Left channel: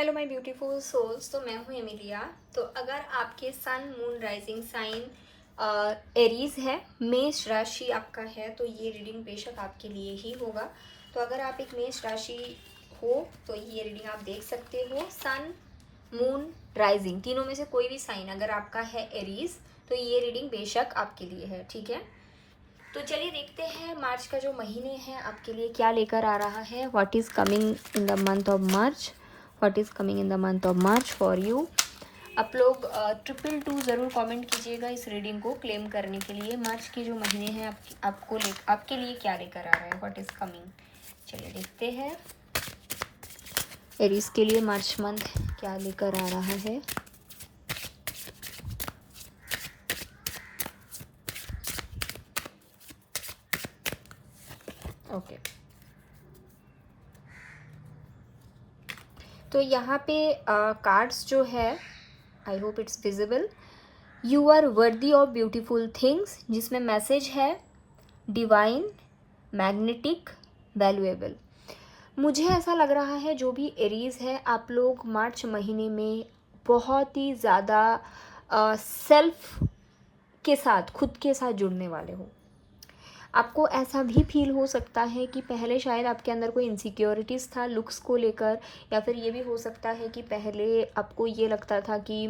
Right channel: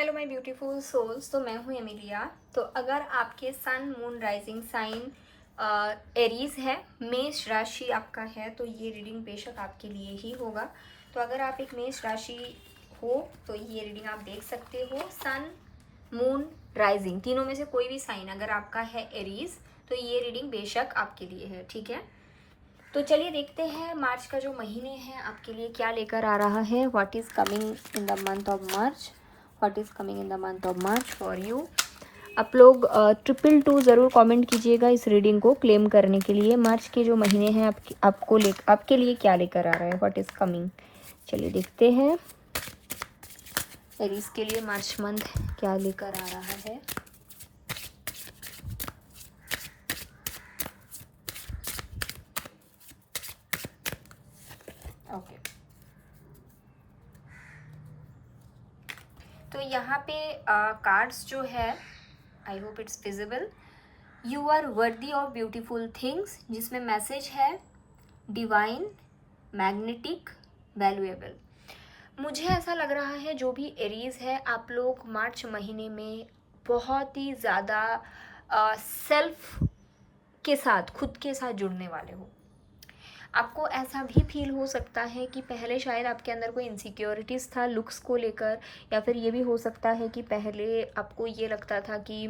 Hello my beautiful souls. तो मैं हूँ एमिलिया। तो अगर आपके sun moon rising sign Aries है, मेष राशि आपका है, तो ये रीडिंग बेशक आपके लिए ही होगा। तो अगर आप एक मेष राशि हो तो ये रीडिंग आप देख सकते हो। सन मून राइजिंग तीनों में से कोई भी साइन अगर आपका है एरीज, तो ये रीडिंग बेशक आपके लिए है। ठीक है, तो चलिए देखते हैं मार्च का जो महीने हैं आपके लिए क्या लेकर आ रहा है। What is coming in the month of March, what is coming in the month of March for you. आप लोग 222 ज़रूर कमेंट कीजिएगा इस रीडिंग को क्लेम करने के लिए। मार्च के जो महीने हैं आपके लिए क्या लेकर आ रहा है, व्हाट इज़ कमिंग। चलिए देखते हैं एरीज के लिए मार्च मंथ क्या लेकर आ रहा है। ओके, तो यहाँ पे कार्ड्स जो है, I hope it's visible. You are worthy of beautiful things, जिसमें मैसेज है डिवाइन, मैग्नेटिक, वैल्यूएबल। मुझे ऐसा लग रहा है जो भी एरीज है, आप लोग मार्च महीने में बहुत ही ज़्यादा सेल्फ के साथ, खुद के साथ जुड़ने वाले हो। आपको ऐसा भी फील हो सकता है कि पहले शायद आपके अंदर कोई इनसिक्योरिटीज़ था लुक्स को लेकर, या फिर ये भी हो सकता है कि पहले आपको ये लगता था कि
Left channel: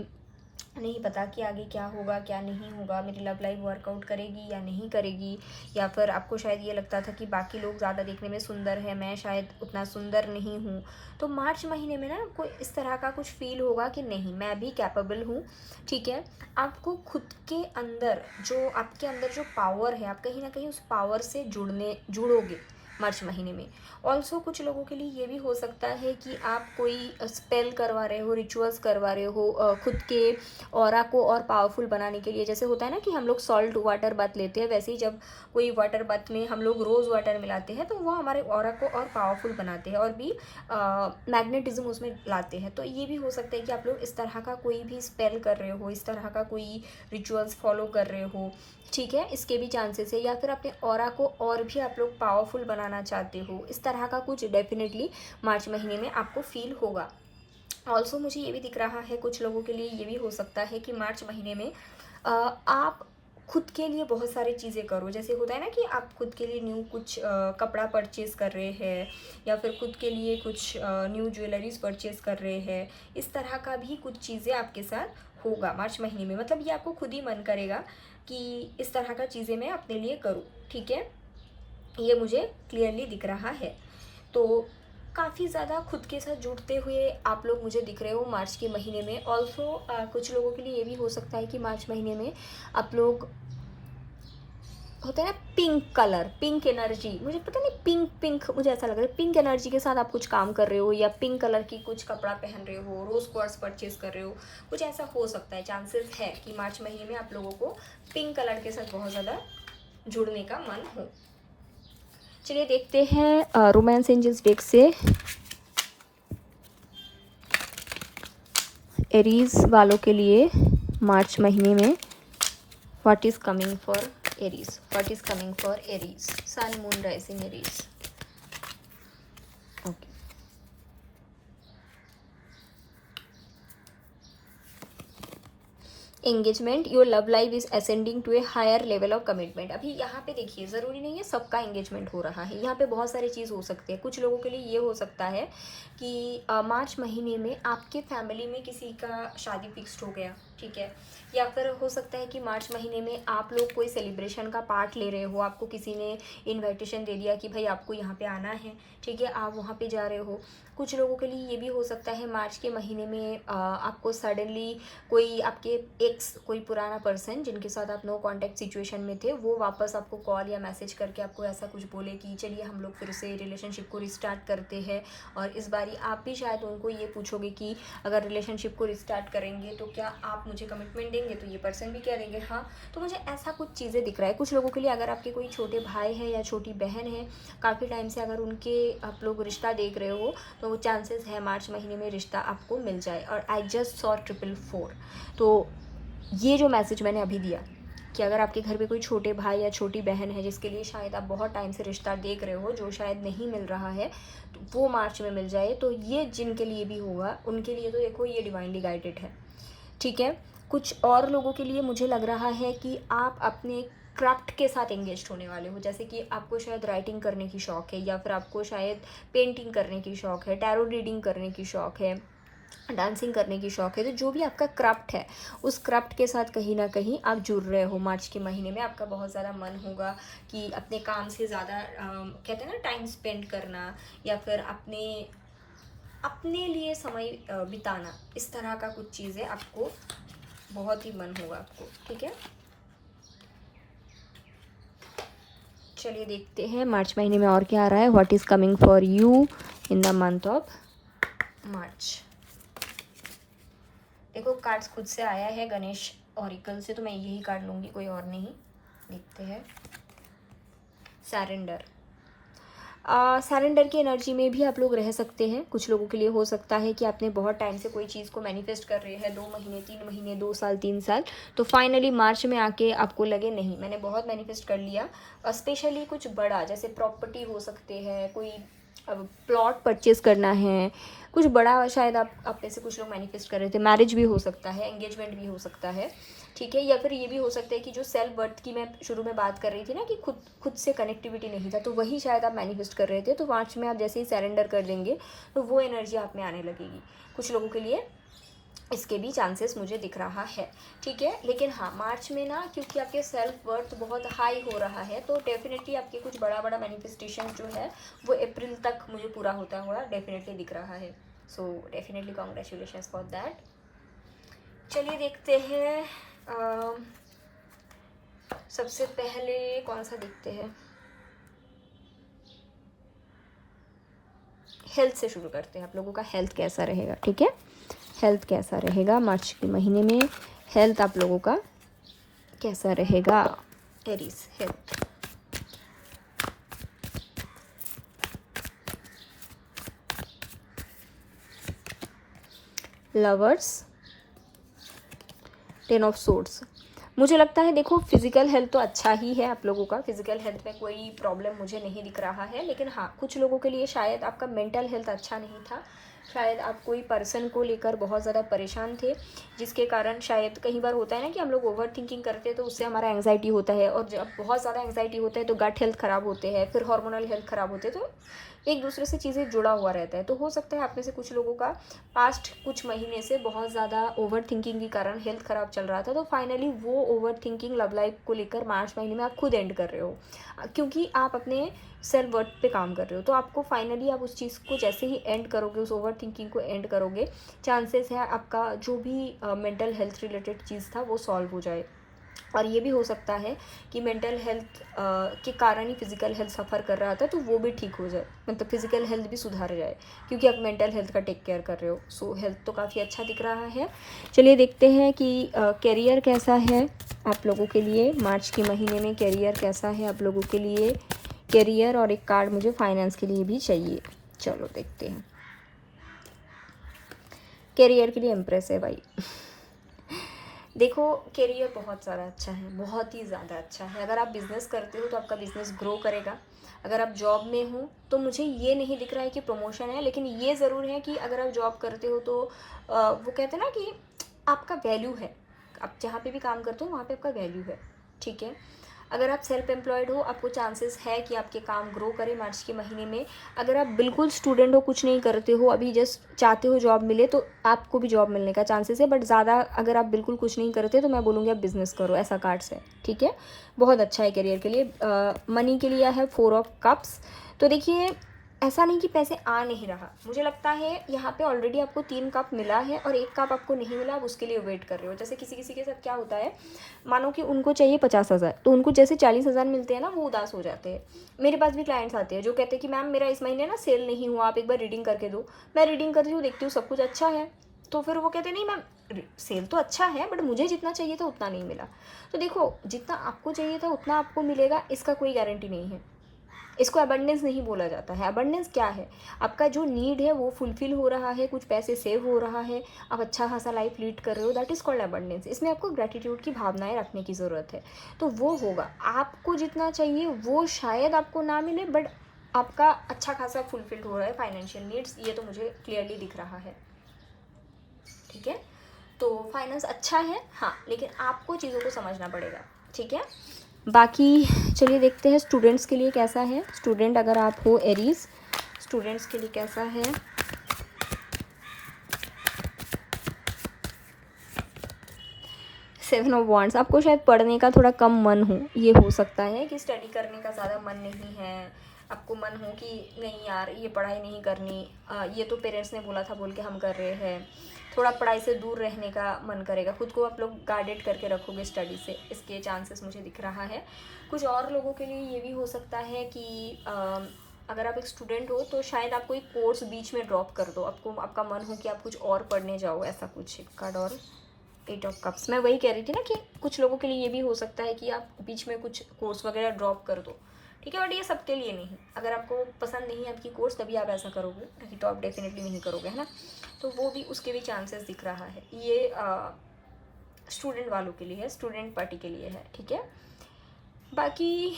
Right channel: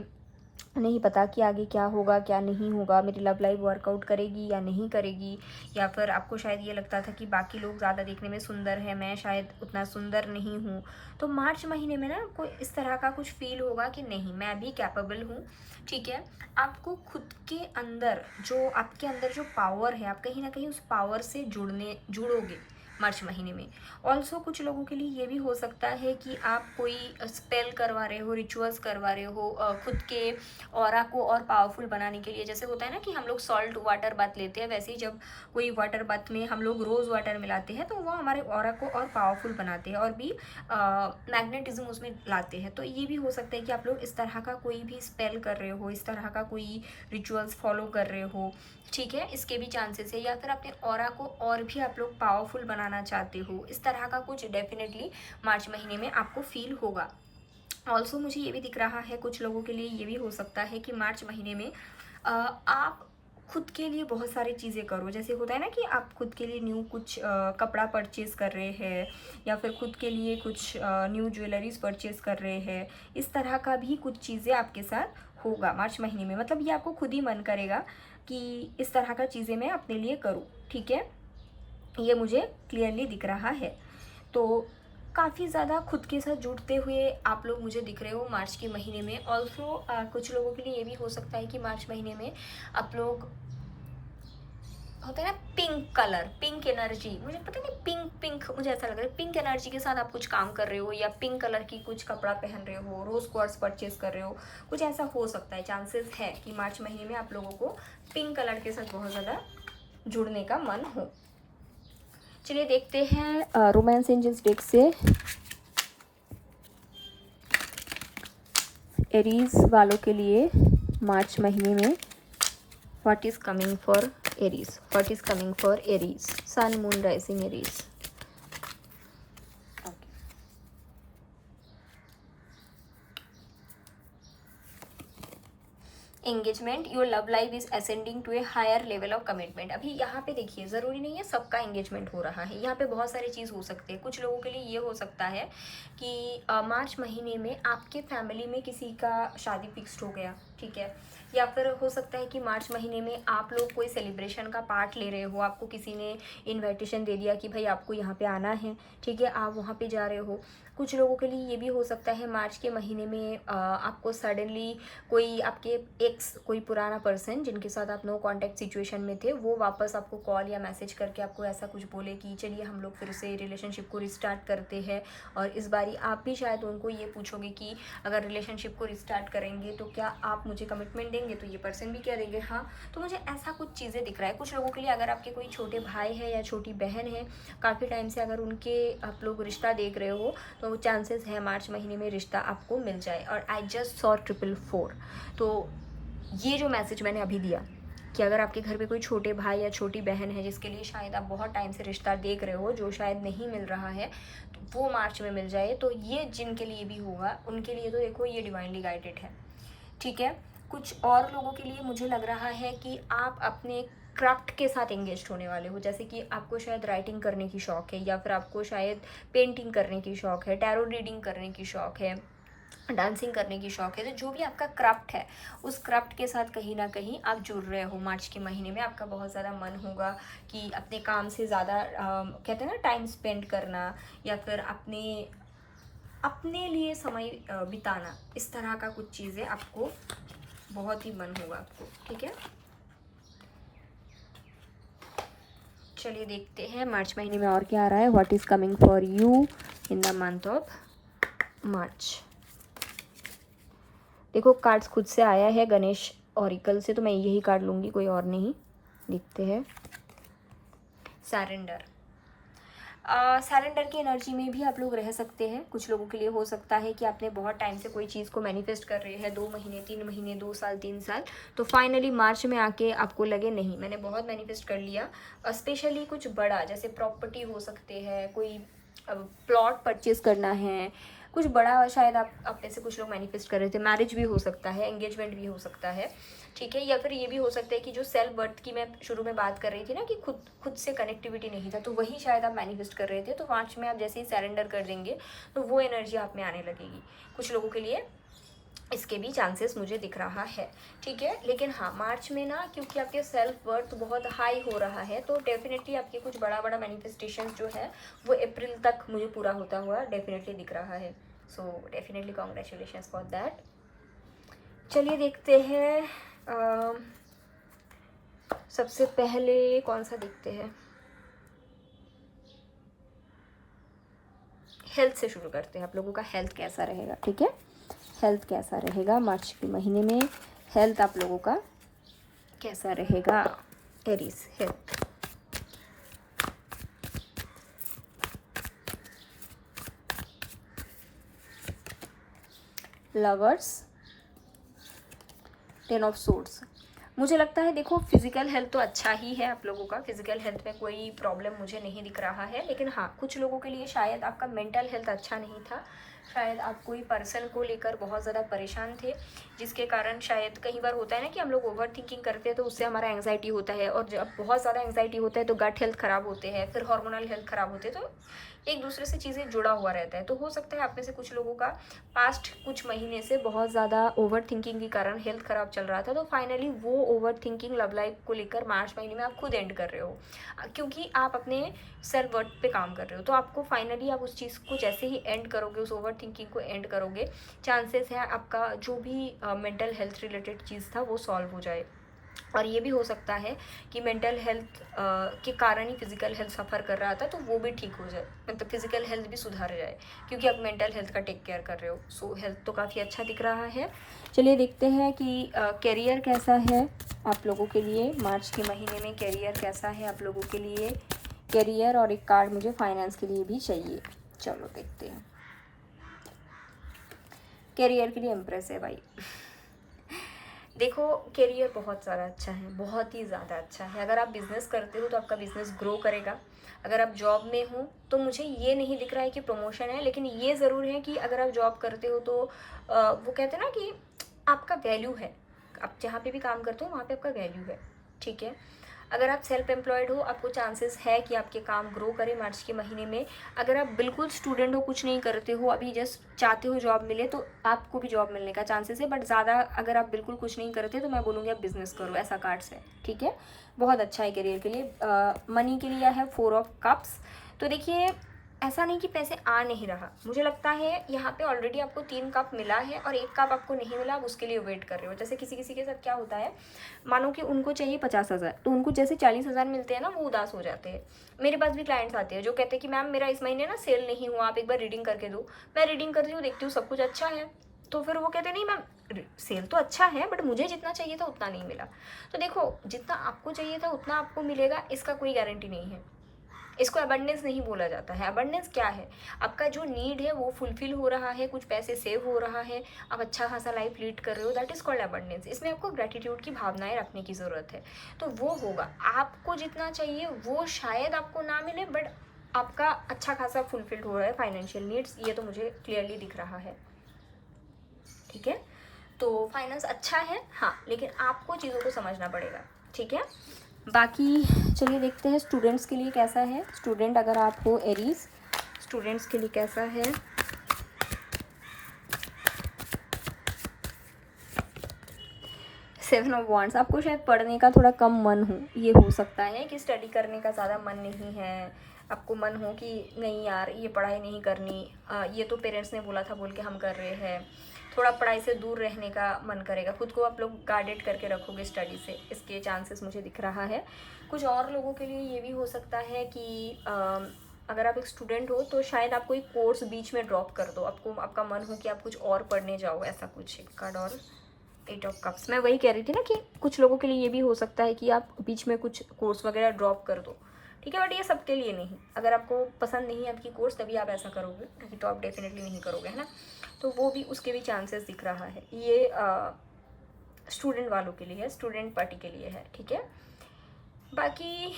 नहीं पता कि आगे क्या होगा क्या नहीं होगा, मेरी लव लाइफ वर्कआउट करेगी या नहीं करेगी। या फिर आपको शायद ये लगता था कि बाकी लोग ज़्यादा देखने में सुंदर है, मैं शायद उतना सुंदर नहीं हूँ। तो मार्च महीने में ना आपको इस तरह का कुछ फील होगा कि नहीं, मैं भी कैपेबल हूँ। ठीक है, आपको खुद के अंदर जो आपके अंदर जो पावर है, आप कहीं ना कहीं उस पावर से जुड़ोगे मार्च महीने में। ऑल्सो कुछ लोगों के लिए ये भी हो सकता है कि आप कोई स्पेल करवा रहे हो, रिचुअल्स करवा रहे हो खुद के ऑरा को और पावरफुल बनाने के लिए। जैसे होता है ना कि हम लोग सॉल्ट वाटर बाथ लेते हैं, वैसे ही जब कोई वाटर बाथ में हम लोग रोज़ वाटर मिलाते हैं तो वो हमारे ऑरा को और पावरफुल बनाते हैं और भी मैग्नेटिज्म उसमें लाते हैं। तो ये भी हो सकता है कि आप लोग इस तरह का कोई भी स्पेल कर रहे हो, इस तरह का कोई रिचुअल्स फॉलो कर रहे हो। ठीक है, इसके भी चांसेस है। या फिर अपने ऑरा को और भी आप लोग पावरफुल बनाना चाहते हो, इस तरह का कुछ डेफिनेटली मार्च महीने में आपको फील होगा। ऑल्सो मुझे ये भी दिख रहा है कुछ लोगों के लिए ये भी हो सकता है कि मार्च महीने में आप खुद के लिए बहुत सारी चीज़ें करो। जैसे होता है ना कि आप खुद के लिए न्यू कुछ कपड़ा परचेज़ कर रहे हैं, या फिर खुद के लिए कुछ न्यू ज्वेलरीज परचेज़ कर रहे हैं। इस तरह का भी कुछ चीज़ें आपके साथ होगा मार्च महीने में। मतलब ये आपको खुद ही मन करेगा कि इस तरह का चीज़ें मैं अपने लिए करूँ। ठीक है, ये मुझे क्लियरली दिख रहा है। तो काफ़ी ज़्यादा खुद के साथ जुड़ते हुए आप लोग मुझे दिख रहे हो मार्च के महीने में। ऑल्सो कुछ लोगों के लिए ये भी हो सकता है कि मार्च महीने में आप लोग, होता है ना पिंक कलर, पिंक एनर्जी, मुझे पता नहीं पिंक पिंक मुझे ऐसा लग रहा है पिंक एनर्जी के साथ आप कुछ काम कर रहे हो, या पिंक कलर की कुछ कपड़ा पहन रहे हो, रोज़ क्वार्ट्स परचेज कर रहे हो, कुछ ऐसा हो सकता है। चांसेस है कि मार्च महीने में आप लोगों को पिंक कलर के साथ बहुत ज़्यादा जुड़ने का मन हो। चलिए देखते हैं रोमांस एंजल्स डेक से एरीज वालों के लिए मार्च महीने में what is coming for Aries, what is coming for Aries, sun moon rising Aries. Engagement, your love life is ascending to a higher level of commitment. अभी यहाँ पे देखिए, ज़रूरी नहीं है सबका एंगेजमेंट हो रहा है, यहाँ पे बहुत सारी चीज़ हो सकती है। कुछ लोगों के लिए ये हो सकता है कि मार्च महीने में आपके फैमिली में किसी का शादी फिक्स्ड हो गया। ठीक है, या फिर हो सकता है कि मार्च महीने में आप लोग कोई सेलिब्रेशन का पार्ट ले रहे हो, आपको किसी ने इनविटेशन दे दिया कि भाई आपको यहाँ पे आना है। ठीक है, आप वहाँ पे जा रहे हो। कुछ लोगों के लिए ये भी हो सकता है मार्च के महीने में आपको सडनली कोई आपके एक्स, कोई पुराना पर्सन जिनके साथ आप नो कांटेक्ट सिचुएशन में थे, वो वापस आपको कॉल या मैसेज करके आपको ऐसा कुछ बोले कि चलिए हम लोग फिर से रिलेशनशिप को रिस्टार्ट करते हैं। और इस बारी आप भी शायद उनको ये पूछोगे कि अगर रिलेशनशिप को रिस्टार्ट करेंगे तो क्या आप मुझे कमिटमेंट देंगे, तो ये पर्सन भी कह देंगे हाँ। तो मुझे ऐसा कुछ चीज़ें दिख रहा है कुछ लोगों के लिए। अगर आपके कोई छोटे भाई है या छोटी बहन है, काफ़ी टाइम से अगर उनके आप लोग रिश्ता देख रहे हो, तो चांसेस है मार्च महीने में रिश्ता आपको मिल जाए। और आई जस्ट सॉ 444। तो ये जो मैसेज मैंने अभी दिया, कि अगर आपके घर पे कोई छोटे भाई या छोटी बहन है जिसके लिए शायद आप बहुत टाइम से रिश्ता देख रहे हो, जो शायद नहीं मिल रहा है, तो वो मार्च में मिल जाए, तो ये जिनके लिए भी होगा उनके लिए तो देखो ये डिवाइनली गाइडेड है, ठीक है। कुछ और लोगों के लिए मुझे लग रहा है कि आप अपने क्राफ्ट के साथ एंगेज होने वाले हो, जैसे कि आपको शायद राइटिंग करने की शौक़ है, या फिर आपको शायद पेंटिंग करने की शौक़ है, टैरो रीडिंग करने की शौक़ है, डांसिंग करने की शौक़ है। तो जो भी आपका क्राफ्ट है, उस क्राफ्ट के साथ कहीं ना कहीं आप जुड़ रहे हो। मार्च के महीने में आपका बहुत ज़्यादा मन होगा कि अपने काम से ज़्यादा कहते हैं ना टाइम स्पेंड करना, या फिर अपने लिए समय बिताना, इस तरह का कुछ चीज़ें आपको बहुत ही मन होगा आपको, ठीक है। चलिए देखते हैं मार्च महीने में और क्या आ रहा है। What is coming for you in the month of March. देखो कार्ड्स खुद से आया है गणेश ऑरिकल से, तो मैं यही कार्ड लूँगी, कोई और नहीं। देखते हैं। सरेंडर। सरेंडर की एनर्जी में भी आप लोग रह सकते हैं। कुछ लोगों के लिए हो सकता है कि आपने बहुत टाइम से कोई चीज़ को मैनिफेस्ट कर रहे हैं, 2 महीने 3 महीने 2 साल 3 साल, तो फाइनली मार्च में आके आपको लगे नहीं मैंने बहुत मैनिफेस्ट कर लिया। स्पेशली कुछ बड़ा, जैसे प्रॉपर्टी हो सकते हैं, कोई प्लॉट परचेज़ करना है, कुछ बड़ा शायद आप में से कुछ लोग मैनिफेस्ट कर रहे थे। मैरिज भी हो सकता है, एंगेजमेंट भी हो सकता है, ठीक है। या फिर ये भी हो सकता है कि जो सेल्फ वर्थ की मैं शुरू में बात कर रही थी ना, कि खुद से कनेक्टिविटी नहीं था, तो वही शायद आप मैनिफेस्ट कर रहे थे। तो मार्च में आप जैसे ही सरेंडर कर देंगे तो वो एनर्जी आप में आने लगेगी। कुछ लोगों के लिए इसके भी चांसेस मुझे दिख रहा है, ठीक है। लेकिन हाँ, मार्च में ना क्योंकि आपके सेल्फ वर्थ बहुत हाई हो रहा है, तो डेफिनेटली आपके कुछ बड़ा बड़ा मैनिफेस्टेशन जो है वो अप्रैल तक मुझे पूरा होता हुआ डेफिनेटली दिख रहा है। So definitely congratulations for that. चलिए देखते हैं। सबसे पहले कौन सा देखते हैं, हेल्थ से शुरू करते हैं। आप लोगों का हेल्थ कैसा रहेगा, ठीक है। हेल्थ कैसा रहेगा मार्च के महीने में, हेल्थ आप लोगों का कैसा रहेगा। Aries health. Lovers, 10 of swords. मुझे लगता है देखो फिजिकल हेल्थ तो अच्छा ही है आप लोगों का, फिजिकल हेल्थ में कोई प्रॉब्लम मुझे नहीं दिख रहा है। लेकिन हाँ, कुछ लोगों के लिए शायद आपका मेंटल हेल्थ अच्छा नहीं था, शायद आप कोई पर्सन को लेकर बहुत ज़्यादा परेशान थे, जिसके कारण शायद कई बार होता है ना कि हम लोग ओवर थिंकिंग करते हैं तो उससे हमारा एंग्जाइटी होता है, और जब बहुत ज़्यादा एंग्जाइटी होता है तो गट हेल्थ ख़राब होते हैं, फिर हार्मोनल हेल्थ ख़राब होते हैं, तो एक दूसरे से चीज़ें जुड़ा हुआ रहता है। तो हो सकता है आप में से कुछ लोगों का पास्ट कुछ महीने से बहुत ज़्यादा ओवर थिंकिंग के कारण हेल्थ ख़राब चल रहा था, तो फाइनली वो ओवर थिंकिंग लव लाइफ को लेकर मार्च महीने में आप खुद एंड कर रहे हो, क्योंकि आप अपने सेल्फ वर्थ पे काम कर रहे हो। तो आपको फाइनली आप उस चीज़ को जैसे ही एंड करोगे, उस ओवर थिंकिंग को एंड करोगे, चांसेस है आपका जो भी मेंटल हेल्थ रिलेटेड चीज़ था वो सॉल्व हो जाए। और ये भी हो सकता है कि मेंटल हेल्थ के कारण ही फिजिकल हेल्थ सफ़र कर रहा था, तो वो भी ठीक हो जाए, मतलब फिजिकल हेल्थ भी सुधार जाए, क्योंकि आप मेंटल हेल्थ का टेक केयर कर रहे हो। सो हेल्थ तो काफ़ी अच्छा दिख रहा है। चलिए देखते हैं कि करियर कैसा है आप लोगों के लिए मार्च के महीने में। करियर कैसा है आप लोगों के लिए, करियर, और एक कार्ड मुझे फाइनेंस के लिए भी चाहिए। चलो देखते हैं। करियर के लिए इम्प्रेस है भाई। देखो करियर बहुत ज़्यादा अच्छा है, बहुत ही ज़्यादा अच्छा है। अगर आप बिज़नेस करते हो तो आपका बिज़नेस ग्रो करेगा। अगर आप जॉब में हो तो मुझे ये नहीं दिख रहा है कि प्रमोशन है, लेकिन ये ज़रूर है कि अगर आप जॉब करते हो तो वो कहते हैं ना कि आपका वैल्यू है, आप जहाँ पे भी काम करते हो वहाँ पे आपका वैल्यू है, ठीक है। अगर आप सेल्फ एम्प्लॉयड हो, आपको चांसेस है कि आपके काम ग्रो करें मार्च के महीने में। अगर आप बिल्कुल स्टूडेंट हो, कुछ नहीं करते हो, अभी जस्ट चाहते हो जॉब मिले, तो आपको भी जॉब मिलने का चांसेस है। बट ज़्यादा अगर आप बिल्कुल कुछ नहीं करते तो मैं बोलूँगी आप बिज़नेस करो, ऐसा कार्ड्स है, ठीक है। बहुत अच्छा है करियर के लिए। मनी के लिए है 4 ऑफ कप्स। तो देखिए ऐसा नहीं कि पैसे आ नहीं रहा, मुझे लगता है यहाँ पे ऑलरेडी आपको 3 कप मिला है और 1 कप आपको नहीं मिला, आप उसके लिए वेट कर रहे हो। जैसे किसी किसी के साथ क्या होता है, मानो कि उनको चाहिए 50,000, तो उनको जैसे 40,000 मिलते हैं ना, वो उदास हो जाते हैं। मेरे पास भी क्लाइंट्स आते हैं जो कहते हैं कि मैम मेरा इस महीने ना सेल नहीं हुआ, आप एक बार रीडिंग करके दो। मैं रीडिंग करती हूँ, देखती हूँ सब कुछ अच्छा है, तो फिर वो कहते हैं नहीं मैम सेल तो अच्छा है बट मुझे जितना चाहिए था उतना नहीं मिला। तो देखो जितना आपको चाहिए था उतना आपको मिलेगा, इसका कोई गारंटी नहीं है, इसको अबंडेंस नहीं बोला जाता है। अबंडेंस क्या है, आपका जो नीड है वो फुलफिल हो रहा है, कुछ पैसे सेव हो रहा है, आप अच्छा खासा लाइफ लीड कर रहे हो, दैट इज़ कॉल्ड अबंडेंस। इसमें आपको ग्रेटिट्यूड की भावनाएं रखने की ज़रूरत है, तो वो होगा। आपको जितना चाहिए वो शायद आपको ना मिले, बट आपका अच्छा खासा फुलफिल्ड हो रहा है फाइनेंशियल नीड्स, ये तो मुझे क्लियरली दिख रहा है। ठीक है, तो फाइनेंस अच्छा है हाँ, लेकिन आपको चीज़ों को समझना पड़ेगा। ठीक है, बाकी चलिए देखते हैं स्टूडेंट्स के लिए कैसा है। स्टूडेंट अगर आप हो एरीज, स्टूडेंट्स के लिए कैसा है। सेवन ऑफ वॉन्ड्स, आपको शायद पढ़ने का थोड़ा कम मन हो, ये हो सकता है कि स्टडी करने का ज़्यादा मन नहीं है, आपको मन हो कि नहीं यार ये पढ़ाई नहीं करनी, ये तो पेरेंट्स ने बोला था बोल के हम कर रहे हैं, थोड़ा पढ़ाई से दूर रहने का मन करेगा, खुद को आप लोग गार्डेड करके रखोगे स्टडी से, इसके चांसेस मुझे दिख रहा है। कुछ और लोगों के लिए ये भी हो सकता है कि अगर आप एक स्टूडेंट हो तो शायद आप कोई कोर्स बीच में ड्रॉप कर दो, आपको आपका मन हो कि आप कुछ और पढ़ने जाओ, ऐसा कुछ। एक कार्ड और 8 ऑफ कप्स, मैं वही कह रही थी ना कि कुछ लोगों के लिए ये भी हो सकता है कि आप बीच में कुछ कोर्स वगैरह ड्रॉप कर दो। ठीक है, बट ये सबके लिए नहीं। अगर आपको पसंद नहीं है आपकी कोर्स तभी आप ऐसा करोगे, नहीं तो आप डेफिनेटली नहीं करोगे, है ना। तो वो भी, उसके भी चांसेस दिख रहा है। ये स्टूडेंट वालों के लिए है, स्टूडेंट पार्टी के लिए है। ठीक है, बाकी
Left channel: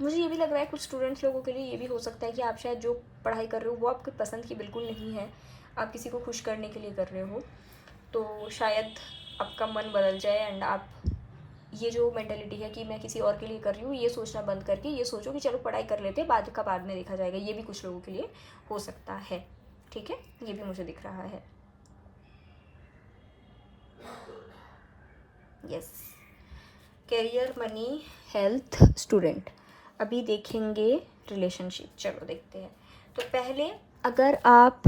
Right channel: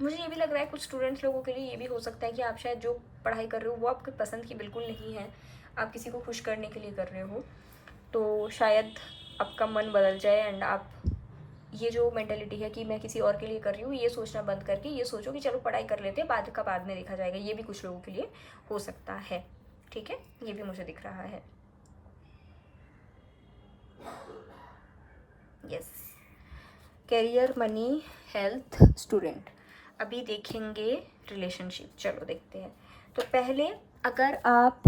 मुझे ये भी लग रहा है कुछ स्टूडेंट्स लोगों के लिए ये भी हो सकता है कि आप शायद जो पढ़ाई कर रहे हो वो आपकी पसंद की बिल्कुल नहीं है, आप किसी को खुश करने के लिए कर रहे हो, तो शायद आपका मन बदल जाए एंड आप ये जो मेंटालिटी है कि मैं किसी और के लिए कर रही हूँ, ये सोचना बंद करके ये सोचो कि चलो पढ़ाई कर लेते हैं, बाद का बाद में देखा जाएगा। ये भी कुछ लोगों के लिए हो सकता है। ठीक है, ये भी मुझे दिख रहा है। Yes, career, money, health, student. अभी देखेंगे रिलेशनशिप, चलो देखते हैं। तो पहले अगर आप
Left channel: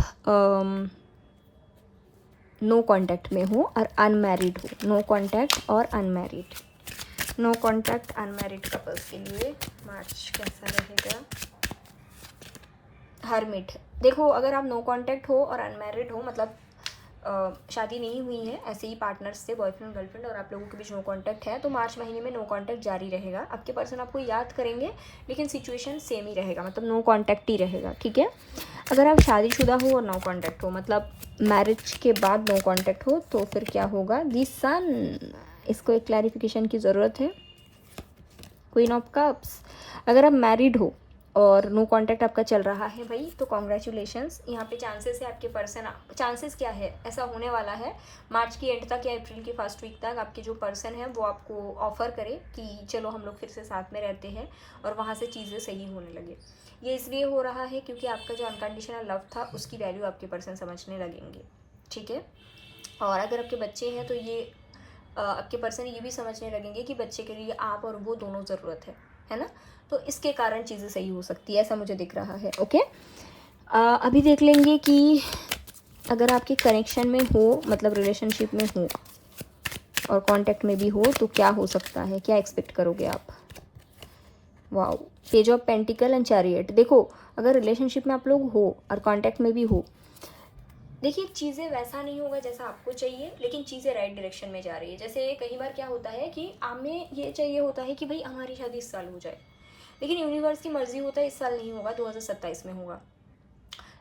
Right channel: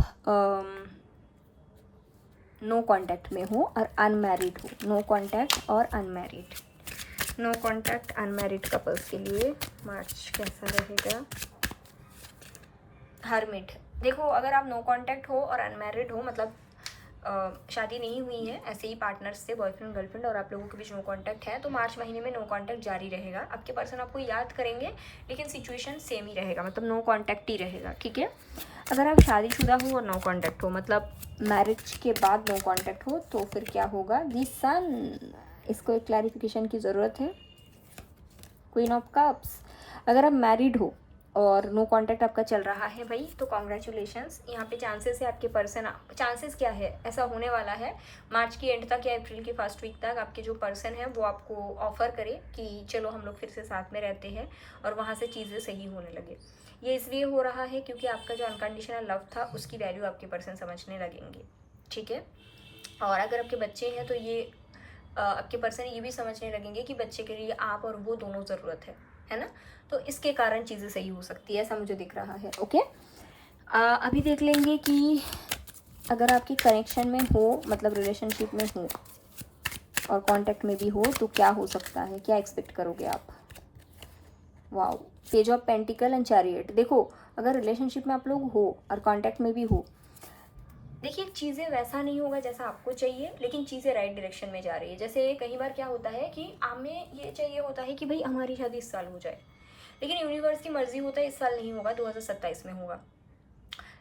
नो कांटेक्ट में हो और अनमैरिड हो, नो कांटेक्ट और unmarried, no contact unmarried couples के लिए मार्च कैसा रहेगा। हर्मिट, देखो अगर आप नो कांटेक्ट हो और अनमैरिड हो, मतलब शादी नहीं हुई है, ऐसे ही पार्टनर्स से, बॉयफ्रेंड गर्लफ्रेंड, और आप लोगों के बीच नो कांटेक्ट है, तो मार्च महीने में नो कांटेक्ट जारी रहेगा। आपके पर्सन आपको याद करेंगे लेकिन सिचुएशन सेम ही रहेगा, मतलब नो कांटेक्ट ही रहेगा। ठीक है, अगर आप शादीशुदा हो और नो कांटेक्ट हो, मतलब मैरिज के बाद नो कांटेक्ट हो, तो फिर क्या होगा। दी सन, इसको एक क्लैरिफिकेशन की ज़रूरत है। क्वीन ऑफ कप्स, अगर आप मैरिड हो और नो कांटेक्ट आपका चल रहा है भाई, तो कॉन्ग्रेचुलेशंस। यहाँ पे चांसेस है आपके पर्सन, चांसेस क्या है, ऐसा होने वाला है मार्च की एंड तक या अप्रैल की फर्स्ट वीक तक आपके जो पर्सन है वो आपको ऑफर करे कि चलो हम लोग फिर से साथ में रहते हैं, और वहाँ से चीज़ें सही होने लगे। ये इसलिए हो रहा है क्योंकि आपका जो अनकंडीशनल लव था उसकी वैल्यू आपके पर्सन समझने लगेंगे। ठीक है, और अगर आपके बच्चे हैं तो ये आपके पर्सन ये भी समझने लगेंगे कि बच्चे के लिए आप और वो दोनों ज़रूरत है ना। तो इसके कारण चीज़ें सही हो सकती है, ऐसा मुझे दिख रहा है। ओके, अभी देख लेंगे कि अगर आपके कनेक्शन में हो, मतलब रिलेशनशिप में हो और कांटेक्ट में भी हो, तो क्या हो सकता है, क्या एक्सपेक्ट करोगे आप। Wow, page of pentacle and chariot. देखो अगर रिलेशनशिप में आप लोग हो और कांटेक्ट में भी हो, देखिए चीज़ें वैसा नहीं होगा जैसा आपको चाहिए, लेकिन चीज़ें राइट डायरेक्शन में जा रही है। जैसे कई बार क्या होता है कि हमें ये चाहिए होता है कि भाई हमारी शादी इस साल हो जाए, लेकिन यूनिवर्स की मर्जी होता है इस साल नहीं होगा, 2027 में होगा।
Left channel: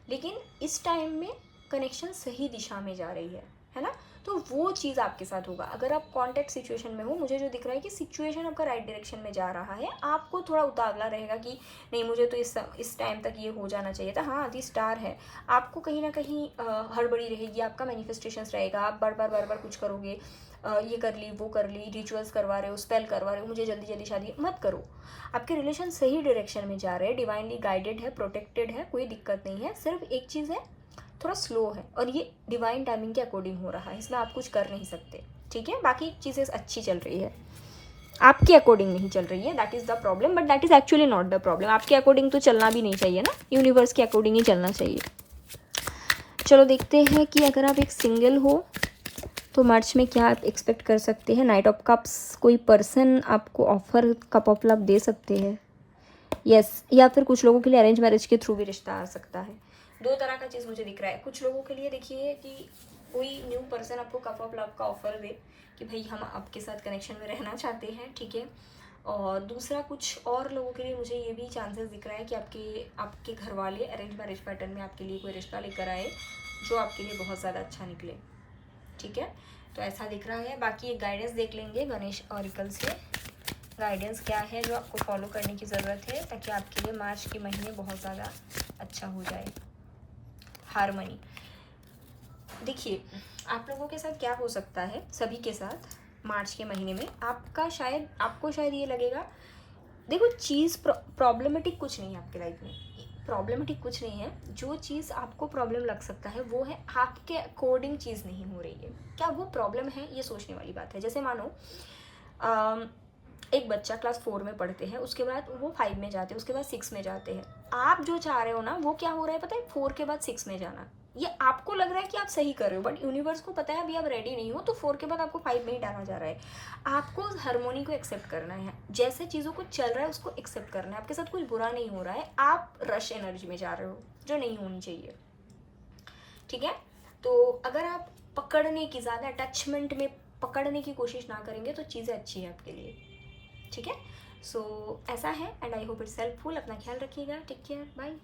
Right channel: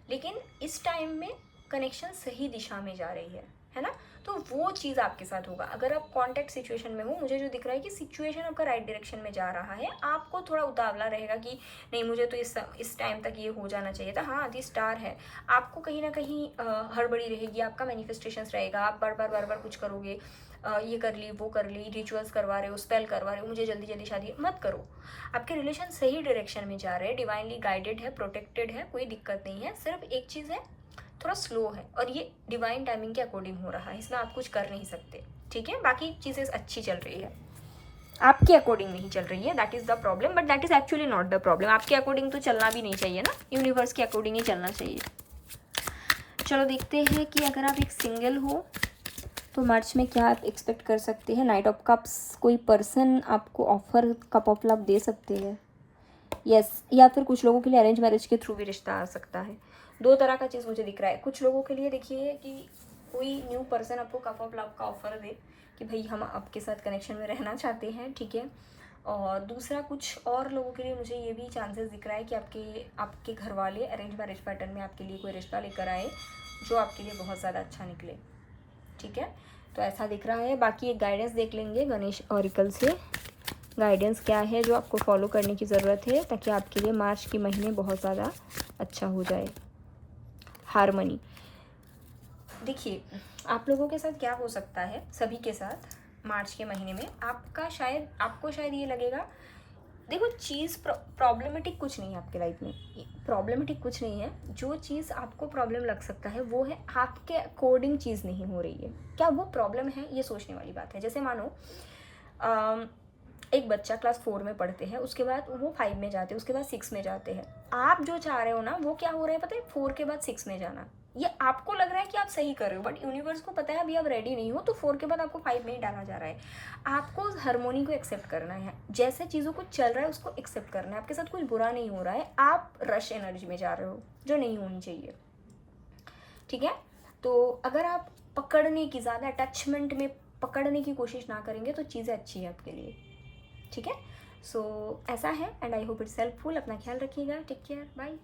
लेकिन इस टाइम में कनेक्शन सही दिशा में जा रही है ना, तो वो चीज़ आपके साथ होगा। अगर आप कॉन्टैक्ट सिचुएशन में हो, मुझे जो दिख रहा है कि सिचुएशन आपका राइट डायरेक्शन में जा रहा है, आपको थोड़ा उतावला रहेगा कि नहीं मुझे तो इस टाइम तक ये हो जाना चाहिए था। हाँ, दी स्टार है, आपको कहीं ना कहीं हड़बड़ी रहेगी, आपका मैनिफेस्टेशंस रहेगा, आप बार बार कुछ करोगे, ये कर ली वो कर ली, रिचुअल्स करवा रहे हो, स्पेल करवा रहे हो, मुझे जल्दी जल्दी शादी मत करो। आपके रिलेशन सही डायरेक्शन में जा रहे हैं, डिवाइनली गाइडेड है, प्रोटेक्टेड है, कोई दिक्कत नहीं है। सिर्फ एक चीज़ है, थोड़ा स्लो है, और ये डिवाइन टाइमिंग के अकॉर्डिंग हो रहा है, इसमें आप कुछ कर नहीं सकते। ठीक है, बाकी चीज़ें अच्छी चल रही है, आपके अकॉर्डिंग नहीं चल रही है, that is the problem, but that is actually not the problem. आपके अकॉर्डिंग तो चलना भी नहीं चाहिए ना, यूनिवर्स के अकॉर्डिंग ही चलना चाहिए। चलो देखते हैं कि अगर आप एक सिंगल हो तो मार्च में क्या आप एक्सपेक्ट कर सकते हैं। नाइट ऑफ कप्स, कोई पर्सन आपको offer cup of love they सकते हैं, यस, या फिर कुछ लोगों के लिए अरेंज मैरिज के थ्रू भी रिश्ता आ सकता है। दो तरह का चीज़ मुझे दिख रहा है। कुछ लोगों के लिए देखिए कि कोई न्यू पर्सन आपको कप ऑफ लव का ऑफर दे कि भाई हम आपके साथ कनेक्शन में रहना चाहते हैं, ठीक है, और दूसरा कुछ और लोगों के लिए मुझे ये भी चांसेस दिख रहा है कि आपके घर वाले अरेंज मैरिज पैटर्न में आपके लिए कोई रिश्ता लेकर आए जो आपके लिए बहुत ज़्यादा अच्छा निकले, ठीक है। तो ऐसा दिख रहा है। बाकी एक गाइडेंस देख लेंगे गणेश ऑरिकल से, गाइडेंस क्या है जो आपको फॉलो करने की ज़रूरत है ताकि आपके लिए मार्च के महीने बहुत ज़्यादा अच्छा हो जाए। हार्मनी, देखिए आप लोगों के साथ क्या हो सकता है, सभी के साथ मार्च के महीने में आपको शायद ये लगेगा, देखो चीज़ प्रॉब्लमेटिक कुछ नहीं है आपके लाइफ में, प्रॉब्लमेटिक कुछ नहीं है। जो चीज़ आपको प्रॉब्लम लग सकता है वो है आपके अकॉर्डिंग चीज़ नहीं हो रही है। क्या वो प्रॉब्लम है, ये सोचने वाली बात है। जैसे मानो एक बच्चा क्लास 4 में पढ़ते हैं, उसके बाद वो 5 में जाते हैं, उसके बाद 6 में जाते हैं। आप जो चाह रहे हो ना वो क्या हो रहा है पता है, 4 के बाद 6 में जाना। ये आपको लग रहा है कि आप सही कर रहे हो, बट यूनिवर्स को पता है अभी आप रेडी नहीं हो, तो 4 के बाद आपको 5 में ही डाला जा रहा है। आपको उस हार्मोनी को एक्सेप्ट करना है, जैसे चीज़ों को चल रहा है उसको एक्सेप्ट करना है। आपके साथ कुछ बुरा नहीं हो रहा है, आप रश एनर्जी में जा रहे हो जो नहीं होनी चाहिए, ठीक है। तो अगर आप पकड़ने की, ज़्यादा अटैचमेंट में पकड़ने की कोशिश ना करेंगे तो चीज़ें अच्छी है आपके लिए, ठीक है। सो ऐसा है, and I hope it's helpful. अपना ख्याल रखिएगा, टेक केयर, बाय।